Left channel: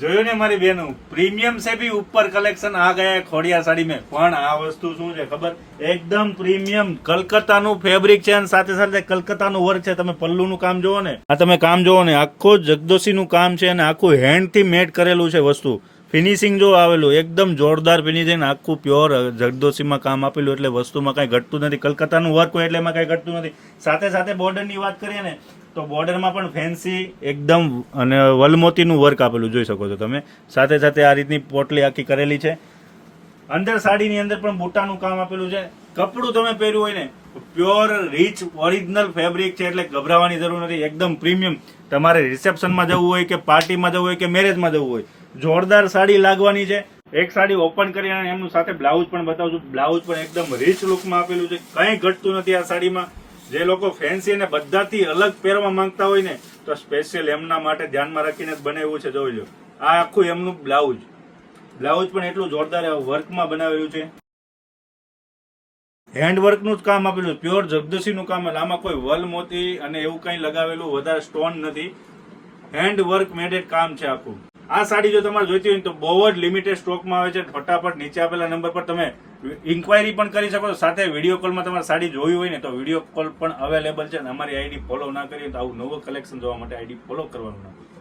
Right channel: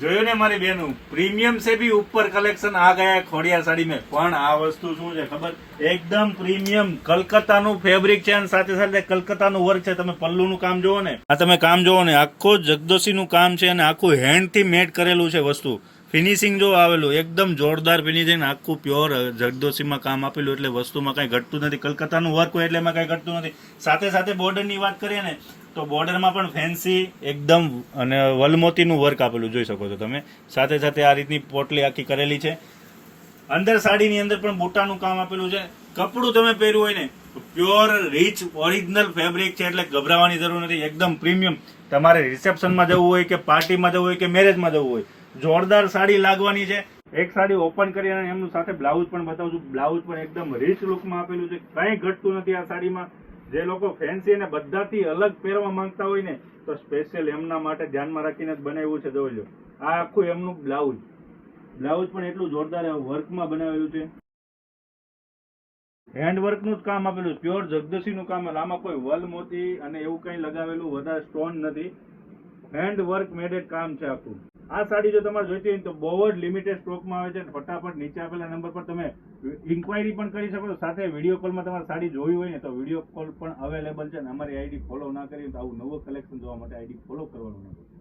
જોયું ને મારી બેનું, પ્રીમિયમ से भी ऊपर कलेक्शन आ गया है ખોડિયાર સાડી में। પણ આ વસ્તુ શું છે ખબર, એકદમ પ્રીમિયમ કલકત્તાનું ફેબ્રિક છે અને સાથે સાથે કલકત્તાનું વર્ક છે। તમે પલ્લુનું કામ જોવો ને, આ તમે કામ જોવો ને, આખું જગદોશીનું કામ છે અને આખું હેન્ડ થી મેડ કરેલું છે વસ્તુ। ફિનિશિંગ જો આવેલું એકદમ જોરદાર ફિનિશિંગ, આખું પ્યોર જગદોશીમાં કામ આપેલું, એટલે વસ્તુમાં કઈ ઘટતું નથી। કલકત્તાનું વર્ક હોય એટલે એમાં કઈ ઘટતું નથી। સાથે સાથે બોર્ડરની વાત કરીએ ને તો બોર્ડરમાં પણ ફેન્સી એકદમ અને વલમોતીનું વર્ક આપેલું જોઈ શકો છો તમે। સાથે સાથે આ રીતની પોટલી આખી કરેલી છે। અંદર સાડીની અંદર પણ બુટાનું કામ આપેલું છે। કપડું તમે પહેર્યું હોય ને પ્યોર રીચ ઓરિજિનલ ફેબ્રિક છે, એટલે ગભરાવાની જરૂર નથી। એકદમ પ્રીમિયમ, તમારે રિસેપ્શનમાં જવું હોય કે પાર્ટીમાં જવું હોય કે મેરેજમાં જવું હોય, જોરદાર સાડી લાગવાની છે। એક સાડી ઓપન કરી અને એમનું સાથે બ્લાઉઝ પણ બતાવું છું। બ્લાઉઝ પણ એકદમ રીચ લુકમાં આપેલું છે, કંઈ ઘટતું નથી આ સાડીમાં। જે લોકો ફેન્સી અને બધાથી અલગ પહેરવા માંગતા હોય ને તો સ્પેશિયલ એમના માટે ધ્યાનમાં રાખીને જ બનાવ્યું છે। જોઈ લો, આ આખું એમનું બ્લાઉઝ પણ એટલું જોરદાર વર્કમાં બનાવેલું છે। હેન્ડવર્કનું જ કામ આપેલું છે, પ્યોર જગદોશીનું કામ। આમાં કોઈ વલ મોતી અને એવું કંઈ લગાવેલું વધારે સ્ટોન નથી, હેન્ડવર્ક મેડેડ કામ છે આખું। આ સાડી જો તમારે જોઈતી હોય તો બહુ જ લિમિટેડ સ્ટોકમાં આવે છે। ફટાફટ નીચે આપેલા નંબર પર તમે ઇન્ક્વાયરી પણ કરી શકો છો। સાથે વિડીયો કોલમાં તમારે સાડી જોઈ હોય ને તો વિડીયો કોલ પણ અવેલેબલ છે। અમારી આઈડી ફોલો ના કરીએ તો આવું નવું કલેક્શન જોવા માટે આઈડી ફોલો કરવાનું ના ભૂલતા।